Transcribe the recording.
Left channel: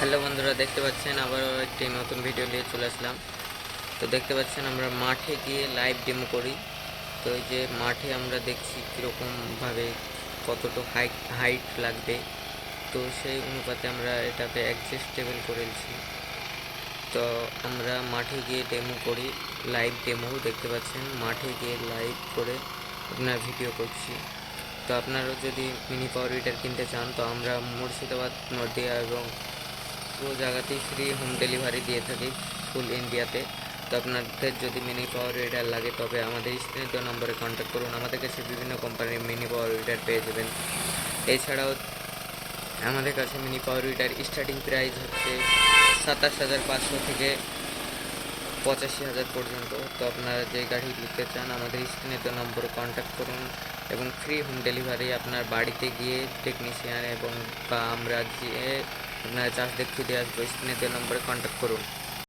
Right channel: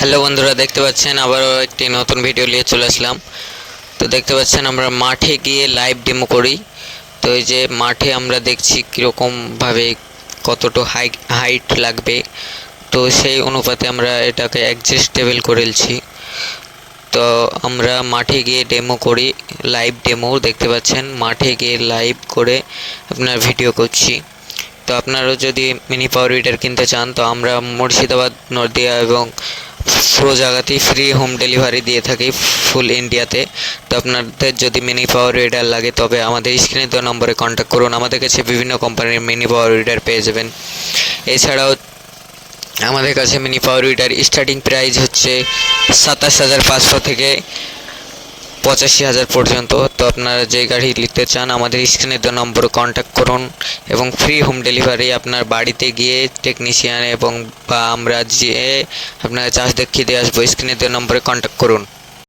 Hello বন্ধুরা, দেখতে পাচ্ছেন আবারও একটি নতুন ভিডিও নিয়ে চলে আসলাম। তো দেখতে পাচ্ছেন আমরা মাঠে গিয়ে লাইভ ডেমো করি। তো এই যে মাঠে আমরা দেখছি কীরকমভাবে কতটা হাইট লাগবে, তো সেই অনুপাতে আমরা এটাকে অ্যাডজাস্টেবল করেছি। তো আমরা মাঠে গিয়ে ডেমো করি, লাইভ ডেমো দেখতে পাচ্ছেন, মাঠে গিয়ে লাইভ করে আপনার ভিডিও করছি। তো আপনারাও যদি মিনি পাওয়ার উইডার কিনতে চান, তো আমরা মুর্শিদাবাদ, নদিয়া এবং পুরো জায়গাতেই ফ্রি হোম ডেলিভারি দিয়ে থাকি, ফুল ইন্ডিয়াতে। তো আপনাদের যদি মিনি পাওয়ার উইডার লাগে তবে আমাদের স্ক্রিনে দেওয়া নম্বরে কন্ট্যাক্ট করুন। আমাদের কাছে বিভিন্ন কোম্পানির মিনি পাওয়ার উইডার পেয়ে যাবেন। এছাড়াও আমাদের কাছে mini power weeder starting price হচ্ছে 27,500 থেকে 85,000 পর্যন্ত। তো আপনারা যে গাড়ি নিতে চান আমাদের স্ক্রিনে দেওয়া নম্বরে কন্ট্যাক্ট করুন এবং ফ্রি হোম ডেলিভারি আপনার বাড়িতে গিয়ে টেকনিশিয়ান এবং বা আমরা যেয়ে আপনার চার্জ দেখিয়ে দিয়ে আসবো। স্ক্রিনে দেওয়া নম্বরে কন্ট্যাক্ট করুন।